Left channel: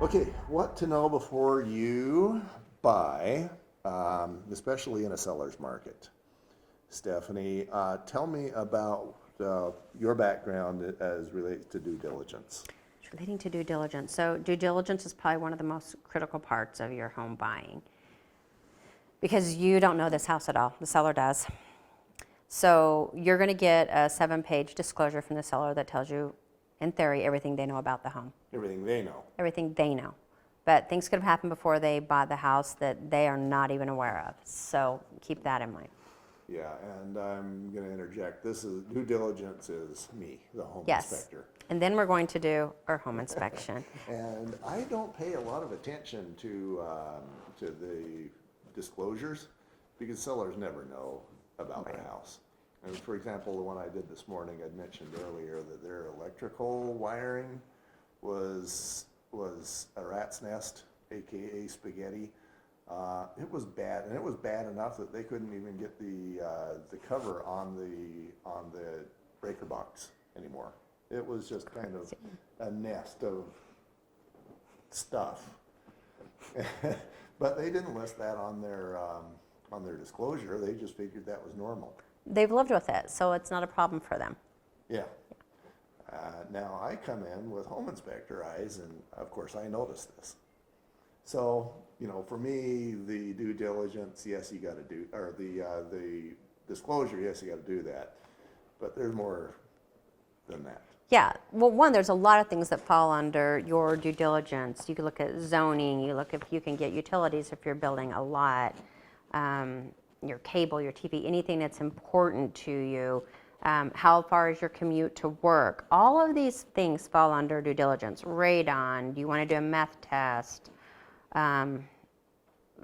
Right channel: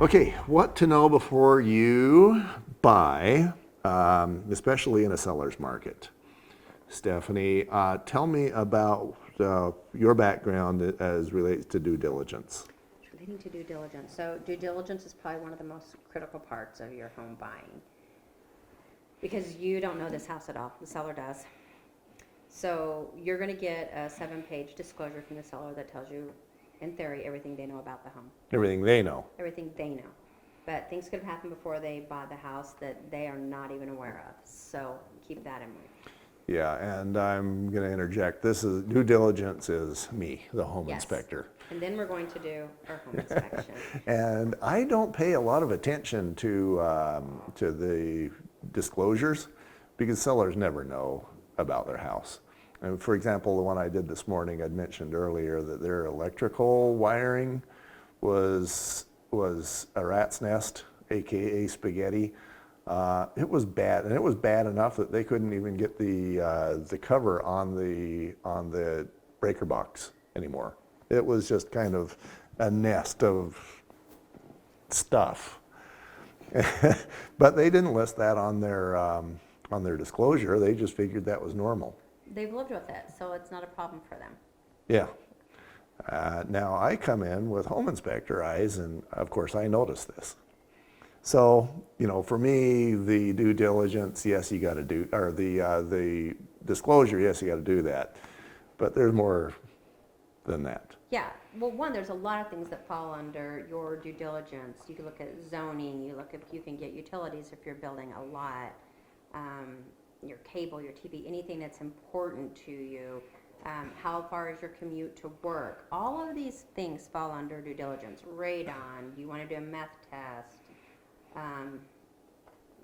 Okay, what to know before you buy, especially in a seller's market. Stephanie, tell me about your background as relates to due diligence. Relating to due diligence. So due diligence is probably one of the most critical parts of your home buying because you don't know this house at all. The seller does. So you're going to get a 7-page disclosure from the seller that tells you, in theory, everything they know about the home. Everything they know. Everything they know. But things could have happened before they bought the house that they are not even aware of. So keep that in mind. Yeah, and I'm going to interject. This is due diligence is me, the home Yes. inspector. And then we're going to do our home inspection. And I don't pay a lot of attention to the disclosures because sellers never know about their house. And for example, the one I did this morning, I'd mentioned earlier that their electrical wiring was a rat's nest, AKA spaghetti. It was bad, and it was bad enough that they couldn't even get the cover on the breaker box anymore. It was just kind of a nest of stuff. But they didn't list that on their disclosure. They just figured that was normal. They've lived with it, so it's not a problem for them. Yeah. Now I come in with home inspector eyes, and of course I notice this. So, for me, the due diligence, yes, you got to do, or the disclosure, yes, you got to do that. But there's more than that. Yeah, well, one, there's a lot of things that fall under your due diligence. You can look at zoning, you look if you can get utilities if you're building a lot, your cable, your TV, anything that's important to you. How far is your commute to work? All of these things fall under due diligence. Radon, do you want to do a meth test?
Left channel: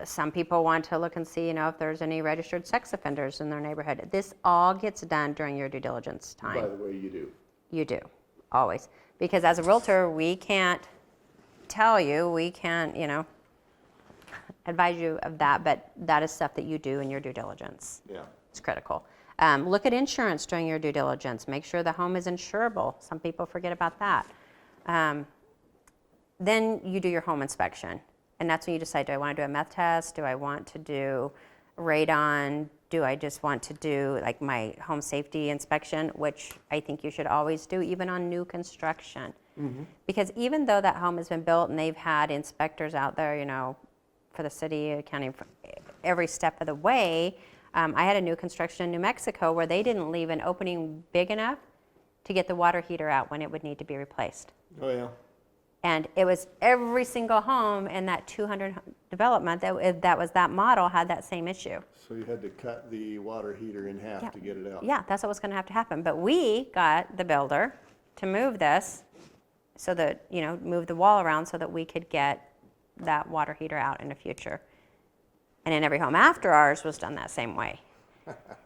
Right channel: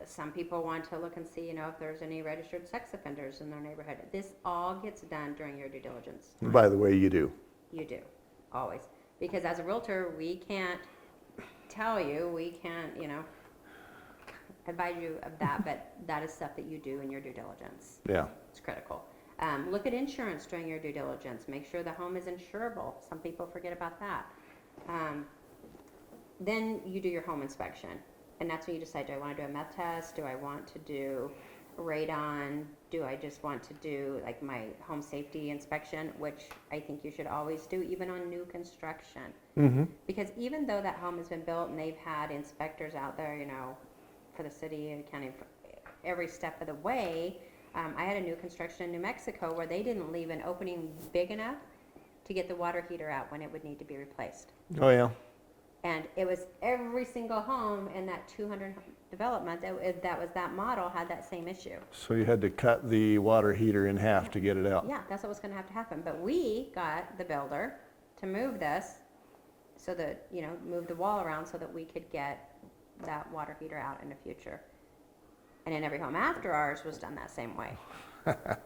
Some people want to look and see, if there's any registered sex offenders in their neighborhood. This all gets done during your due diligence time. By the way, you do. You do, always. Because as a realtor, we can't tell you, we can't, advise you of that, but that is stuff that you do in your due diligence. Yeah. It's critical. Look at insurance during your due diligence. Make sure the home is insurable. Some people forget about that. Then you do your home inspection. And that's when you decide, do I want to do a meth test? Do I want to do radon? Do I just want to do like my home safety inspection, which I think you should always do even on new construction. Mm-hmm. Because even though that home has been built and they've had inspectors out there, for the city, accounting for every step of the way, I had a new construction in New Mexico where they didn't leave an opening big enough to get the water heater out when it would need to be replaced. Oh, yeah. And it was every single home in that 200 development that was that model had that same issue. So you had to cut the water heater in half to get it out. Yeah, that's what was going to have to happen. But we got the builder to move this so that, move the wall around so that we could get that water heater out in the future. And in every home after ours was done that same way.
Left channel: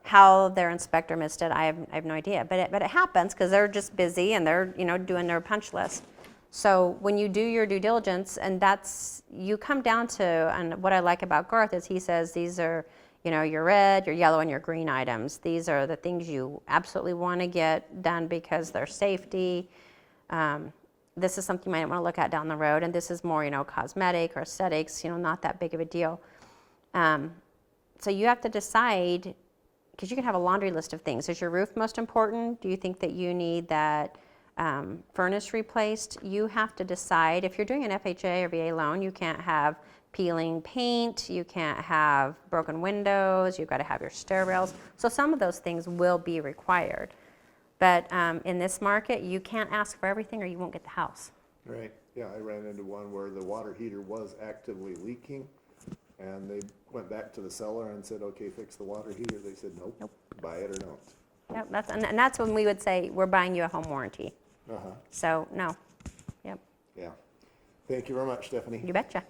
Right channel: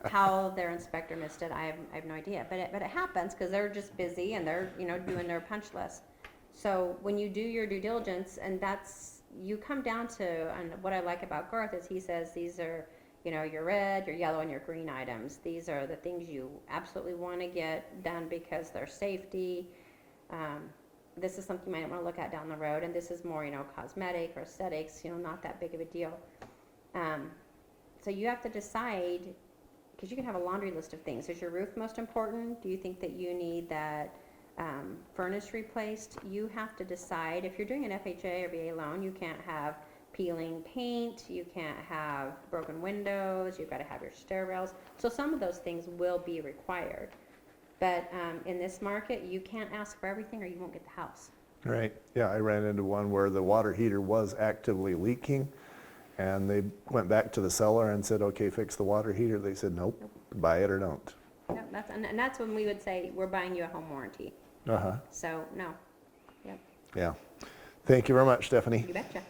How their inspector missed it, I have no idea. But it happens because they're just busy and they're, doing their punch list. So when you do your due diligence, and you come down to, and what I like about Garth is he says these are, your red, your yellow, and your green items. These are the things you absolutely want to get done because they're safety. This is something you might want to look at down the road, and this is more, cosmetic or aesthetics, not that big of a deal. So you have to decide, because you can have a laundry list of things. Is your roof most important? Do you think that you need that furnace replaced? You have to decide. If you're doing an FHA or VA loan, you can't have peeling paint, you can't have broken windows, you've got to have your stair rails. So some of those things will be required. But in this market, you can't ask for everything or you won't get the house. Right. Yeah, I ran into one where the water heater was actively leaking, and they went back to the seller and said, okay, fix the water heater. They said, nope. Buy it or don't. Yep, and that's when we would say, we're buying you a home warranty. Uh-huh. So, no. Yep. Yeah. Thank you very much, Stephanie. You betcha.